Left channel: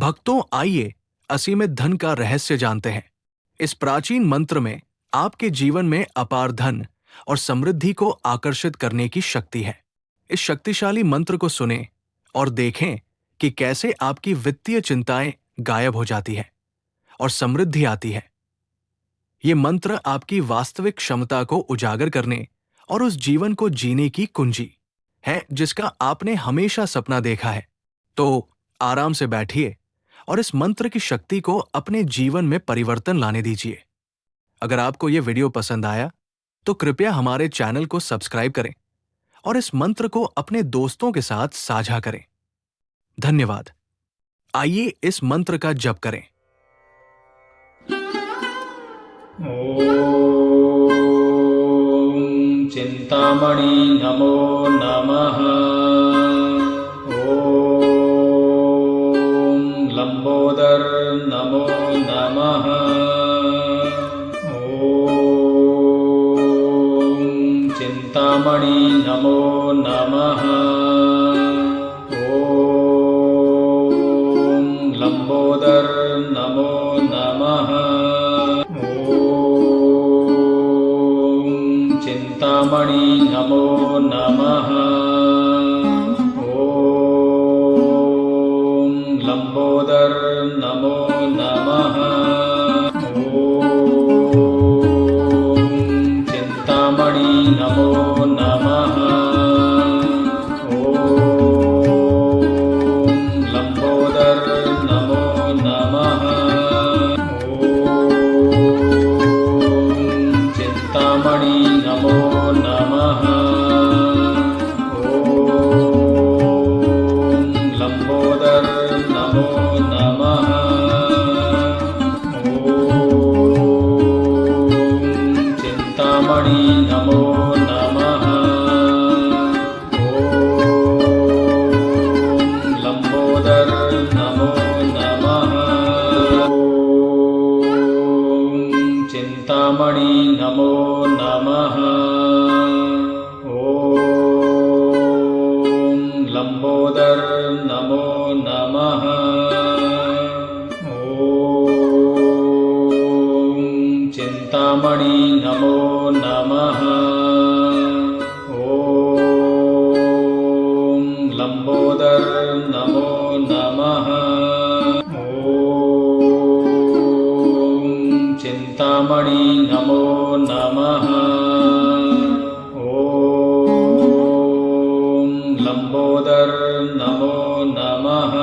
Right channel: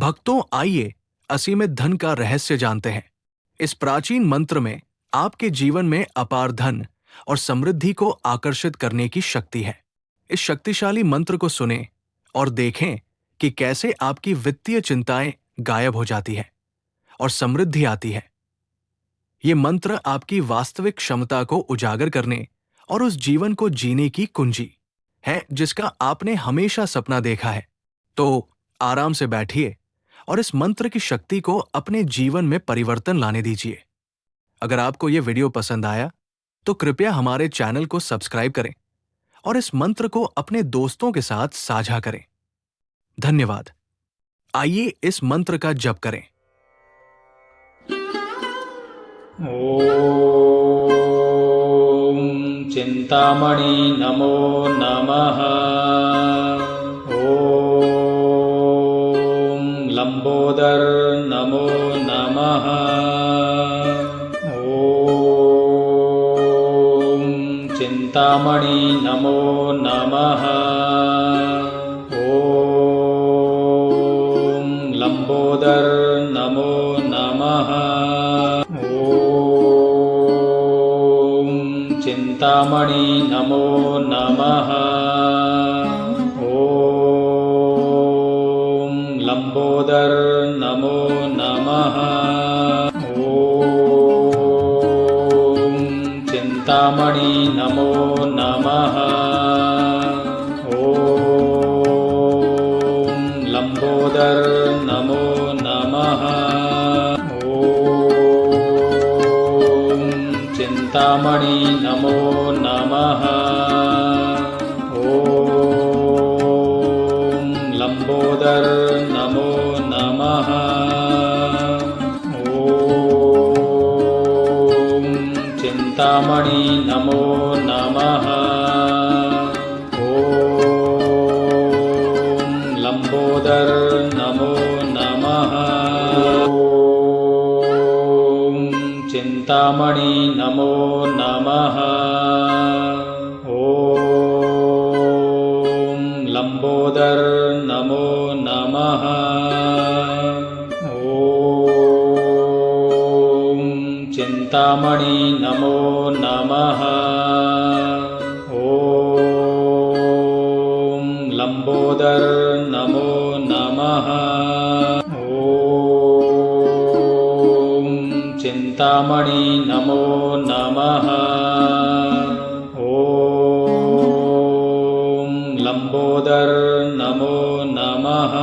भक्तों, आइए असीमित धन का रहस्य जानते हैं। इस प्राचीन मंत्र में आपके जीवन में अपार धन और समृद्धि को आकर्षित करने की शक्ति है। इस शक्तिशाली मंत्र को सुनें और देखें कि कैसे आपकी वित्तीय चिंताएं गायब हो जाती हैं और समृद्धि आती है। ये मंत्र आपकी वास्तविक क्षमता को उजागर करने और उस जीवन को जीने की कुंजी है जिसका आपने हमेशा सपना देखा है। तो आराम से बैठिए और इस मंत्र की शक्ति को अपने जीवन में परिवर्तन लाने दीजिए। अगर आपको यह वीडियो पसंद आया तो कृपया हमारे चैनल को सब्सक्राइब करें और इस मंत्र को अपने दोस्तों के साथ साझा करें। धन्यवाद। आइए इस मंत्र का जप करें। ॐ चिन्तामणि नमो नमः। ॐ लम्बोदर नमो नमः। ॐ चिन्तामणि नमो नमः। ॐ लम्बोदर नमो नमः। चिन्तामणि नमो नमः। ॐ लम्बोदर नमो नमः। ॐ चिन्तामणि नमो नमः। ॐ लम्बोदर नमो नमः। ॐ चिन्तामणि नमो नमः। ॐ लम्बोदर नमो नमः। ॐ चिन्तामणि नमो नमः। ॐ लम्बोदर नमो नमः। ॐ चिन्तामणि नमो नमः। ॐ लम्बोदर नमो नमः। ॐ चिन्तामणि नमो नमः। ॐ लम्बोदर नमो नमः। ॐ चिन्तामणि नमो नमः। ॐ लम्बोदर नमो नमः।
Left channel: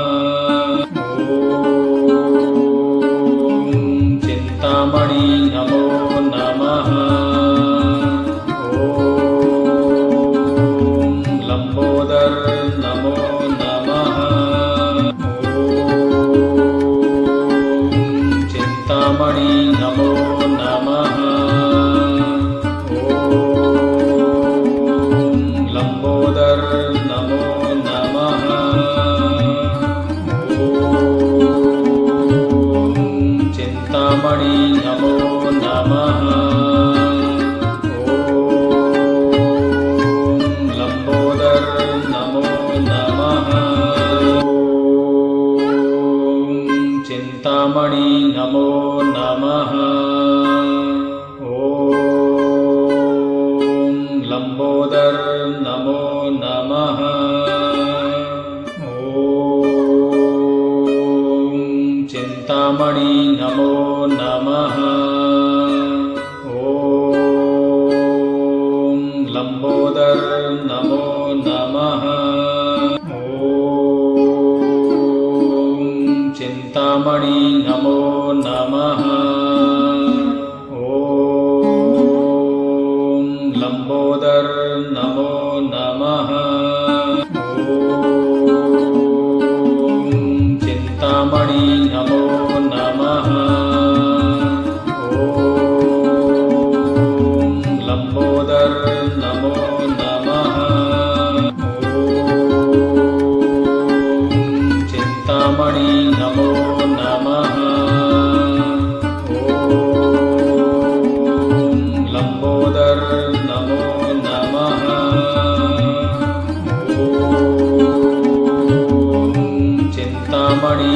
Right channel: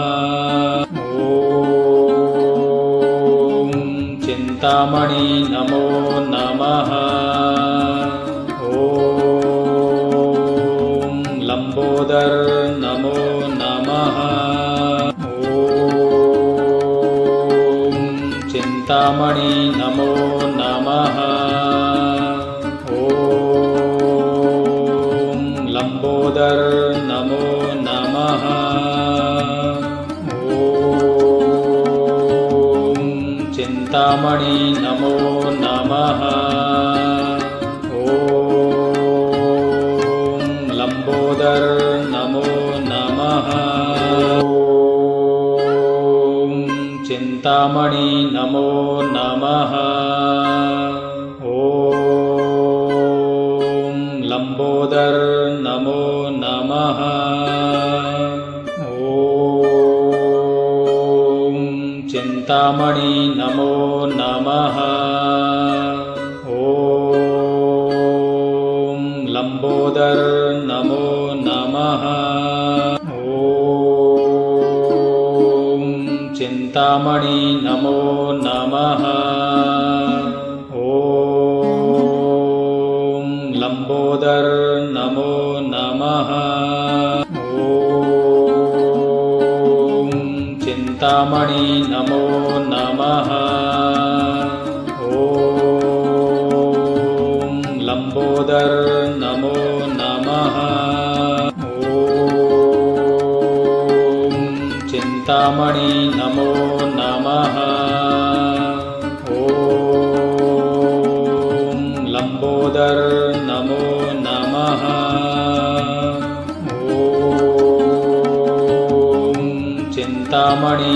ॐ चिन्तामणि नमो नमः। ॐ लम्बोदर नमो नमः। ॐ चिन्तामणि नमो नमः। ॐ लम्बोदर नमो नमः। ॐ चिन्तामणि नमो नमः। ॐ लम्बोदर नमो नमः। ॐ चिन्तामणि नमो नमः। ॐ लम्बोदर नमो नमः। ॐ चिन्तामणि नमो नमः। ॐ लम्बोदर नमो नमः। ॐ चिन्तामणि नमो नमः। ॐ लम्बोदर नमो नमः। ॐ चिन्तामणि नमो नमः। ॐ लम्बोदर नमो नमः। ॐ चिन्तामणि नमो नमः। ॐ लम्बोदर नमो नमः। ॐ चिन्तामणि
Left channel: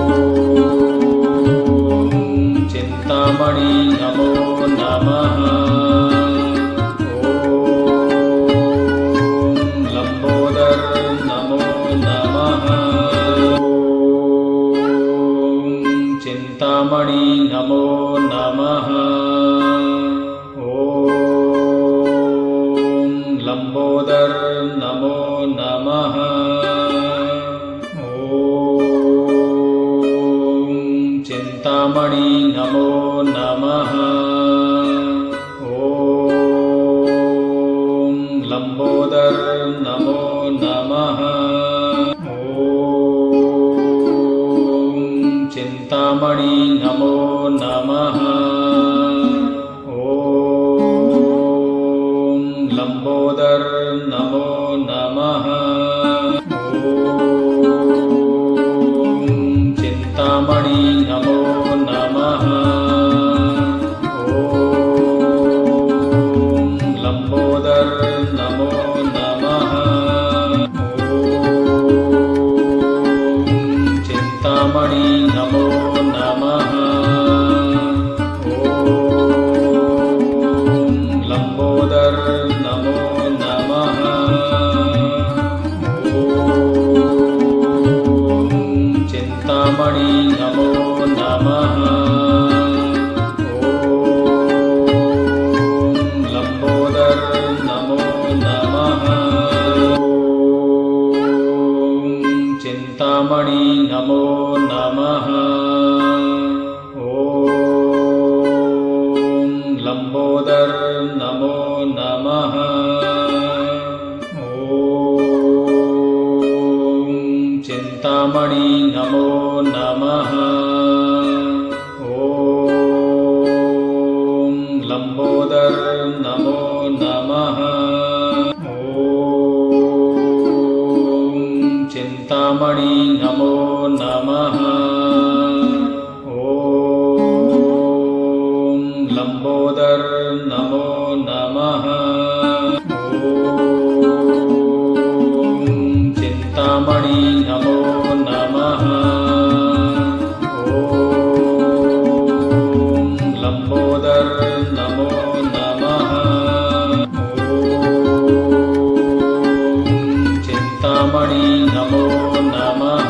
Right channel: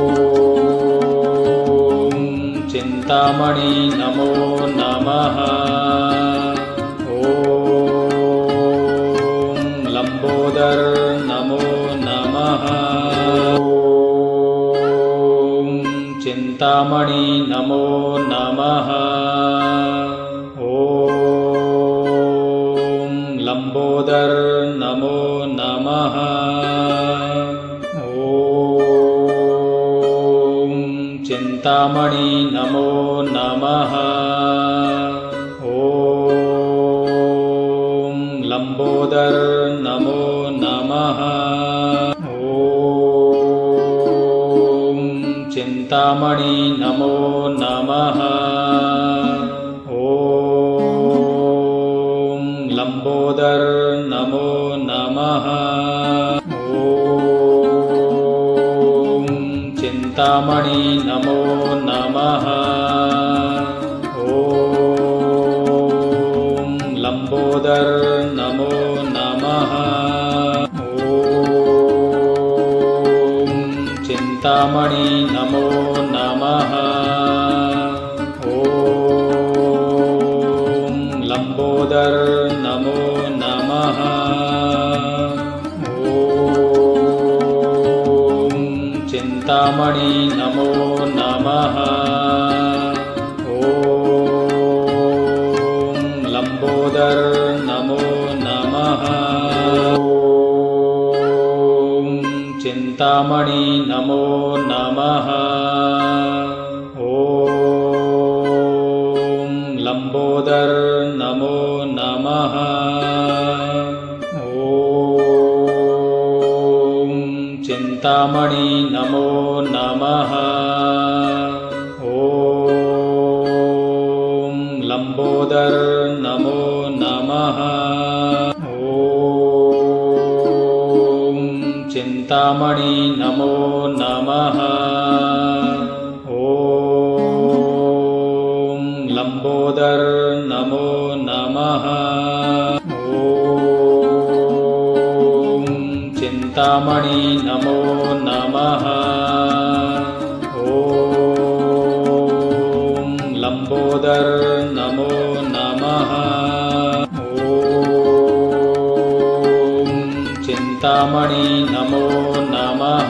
चिन्तामणि नमो नमः ॐ लम्बोदर नमो नमः ॐ चिन्तामणि नमो नमः ॐ लम्बोदर नमो नमः ॐ चिन्तामणि नमो नमः ॐ लम्बोदर नमो नमः ॐ चिन्तामणि नमो नमः ॐ लम्बोदर नमो नमः ॐ चिन्तामणि नमो नमः ॐ लम्बोदर नमो नमः ॐ चिन्तामणि नमो नमः ॐ लम्बोदर नमो नमः ॐ चिन्तामणि नमो नमः ॐ लम्बोदर नमो नमः ॐ चिन्तामणि नमो नमः ॐ लम्बोदर नमो नमः ॐ चिन्तामणि नमो नमः ॐ लम्बोदर नमो नमः ॐ चिन्तामणि नमो नमः ॐ लम्बोदर नमो नमः ॐ चिन्तामणि नमो नमः ॐ लम्बोदर नमो नमः ॐ चिन्तामणि नमो नमः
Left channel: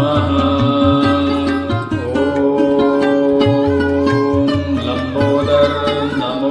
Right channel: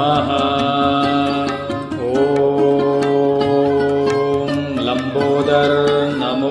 नमः ॐ लम्बोदर नमो